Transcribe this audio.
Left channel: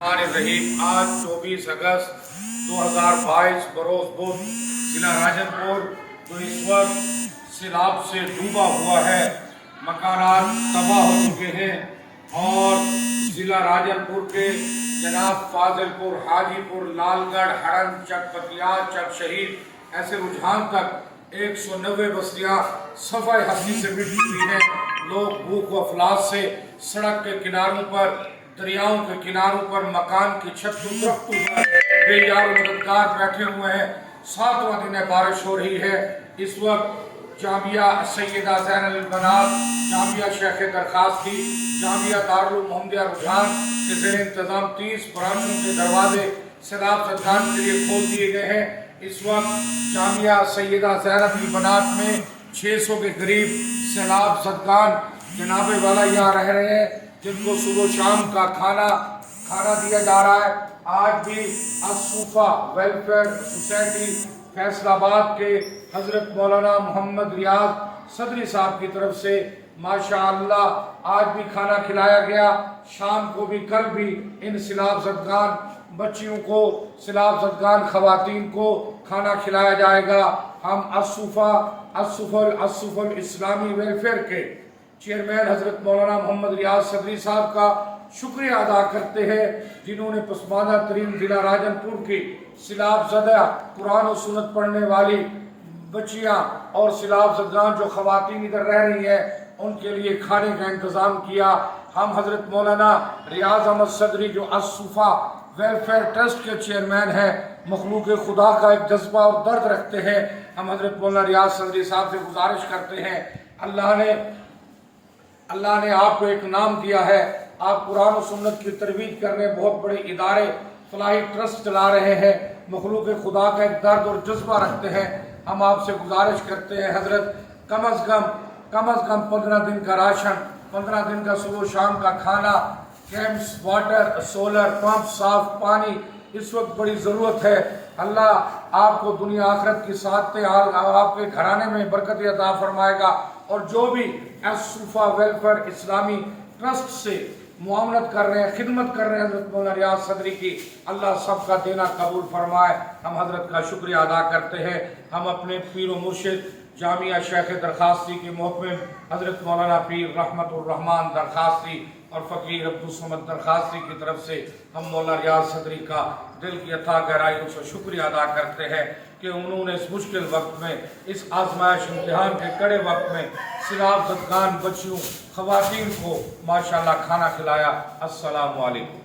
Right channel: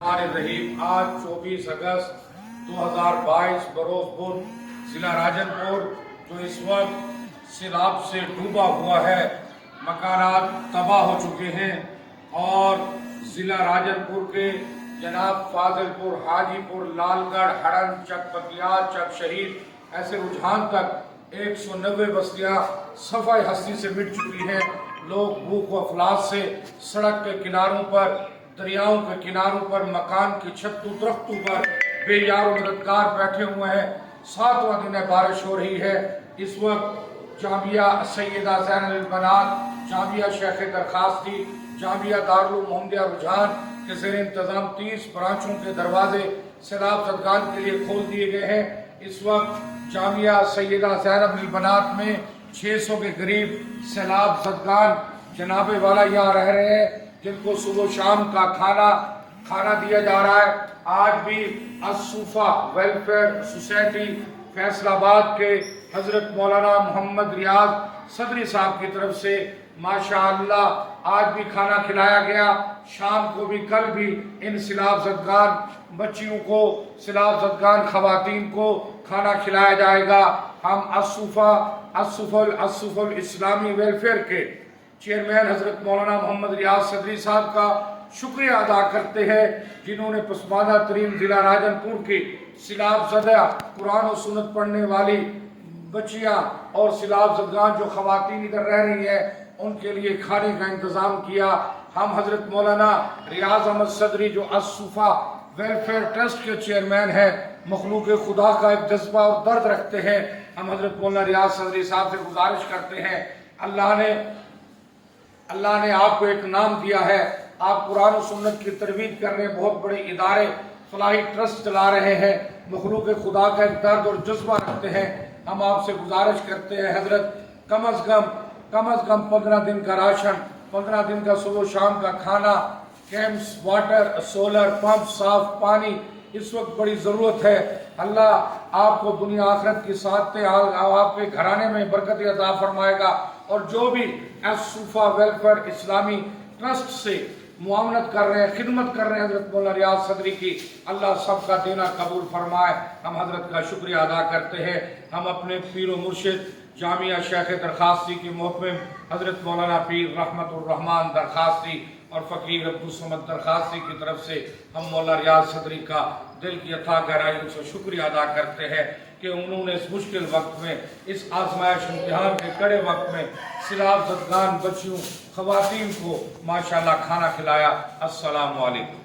रहीम आज 24 अगस्त 2022 बरोज बुध जिला राजनपुर जो इस वक्त सैलाब से डूबा हुआ है, मकानात तबाह हो चुके हैं और जिला राजनपुर के जनाब फाजिलपुर, हाजीपुर, लालगढ़, हड़न, चक पतियार, चक शहीद ऐसे रुझान तक 190 बस्तियां सफाई हस्ती से मिट चुकी हैं। लोग भूख व अफलास से सड़क के किनारों पर, दरियाओं के किनारों पर, मकान की छतों, दरख्तों पर बेयार मददगार बैठे हुए हैं। 7वां दिन है, बारिश हो रही है। इस वक्त जामिया सैयदा ज़ैनुल बनात, जामिया शेख दरखास्ती, जामिया दारुल मोहम्मदिया रुझान के ज़ेर इंतज़ाम 30 ब्रांचों के दरवाजे सैलाब ज़दगान के लिए खोल दिए गए हैं। इस वक्त जामिया सैयदा ज़ैनुल बनात में 600 के करीब सैलाब ज़दगान जनाबे वाला यहाँ रह रहे हैं, जिनको सुबह शाम का खाना दिया जा रहा है। आज भी असूफा वेलफेयर सोसाइटी फैसलाबाद के हजरत मौलाना मोहम्मद रियाज सदरी साहब की तरफ से माशाअल्लाह आज भी खाना खिलाया गया। शाम को भी, कल भी इन सैलाब ज़दगान बच्चियों को, सैलाब ज़दगान खवातीन को खाना खिलाया जाएगा। हम असूफल इस्लामी वेलफेयर के चेयरमैन हजरत मौलाना मोहम्मद रियाज सदरी साहब का शुक्रिया अदा करते हैं, जिन्होंने पसमानदा तरीन जिला राजनपुर की सैलाब ज़दा कुरान और सुन्नत पढ़ने वाली बच्चियां और सैलाब ज़दगान जो खवातीन इधर रह रही हैं, उनके लिए खाने का इंतज़ाम किया। हम हजरत मौलाना रियाज अहमद सदरी जो असूफा वेलफेयर ट्रस्ट के चेयरमैन हैं, मखलूक खुदा का एक जज्बा और दर्द रखते हैं। हम हजरत मौलाना रियाज सदरी साहब से गुजारिश करते हैं, अल्लाह ने आपको एक नाम दिया है, आप कुरान और सुन्नत की तरवीज करने बहुत बड़े इदारे फलाही ट्रस्ट चला रहे हैं, मखलूक खुदा का एक दर्द और जज्बा रखते हैं। हम आपसे गुजारिश करते हैं हजरत कम अज़ कम 15 दिन का राशन, 15 दिन का सुबह शाम का खाना, कैंप्स, वाटर, सोलर पंप, साफ पानी इस वक्त बड़ी ज़रूरत है। अल्लाह आपको दुनिया आखिरत की साथ आपके घराने में बरकत अता फरमाएगा। और जो भी असूफा वेलफेयर इस्लामी ट्रस्ट से मुआवनत कर रहे हैं, खिदमत कर रहे हैं हजरत मौलाना रियाज सदरी की, अल्लाह सबका देना कबूल फरमाए। हम हजरत का शुक्रिया अदा करते हैं। हम अपने पीर व मुर्शिद जामिया शेख दरखास्ती के मोहतमिम हजरत मौलाना पीर रहमतुर रहमान दरखास्ती और फ़कीर अब्दुल समद दरखास्ती की तरफ से हम मौलाना रियाज सदरी का दिल की अथाह गहराइयों से शुक्रिया अदा करते हैं कि उन्होंने इस मुश्किल वक्त में, इस आजमाइश इम्तिहान के कड़े वक्त में सैलाब ज़दगान बच्चियों खवातीन को माशाअल्लाह खाना खिलाया। अस्सलामु अलैकुम।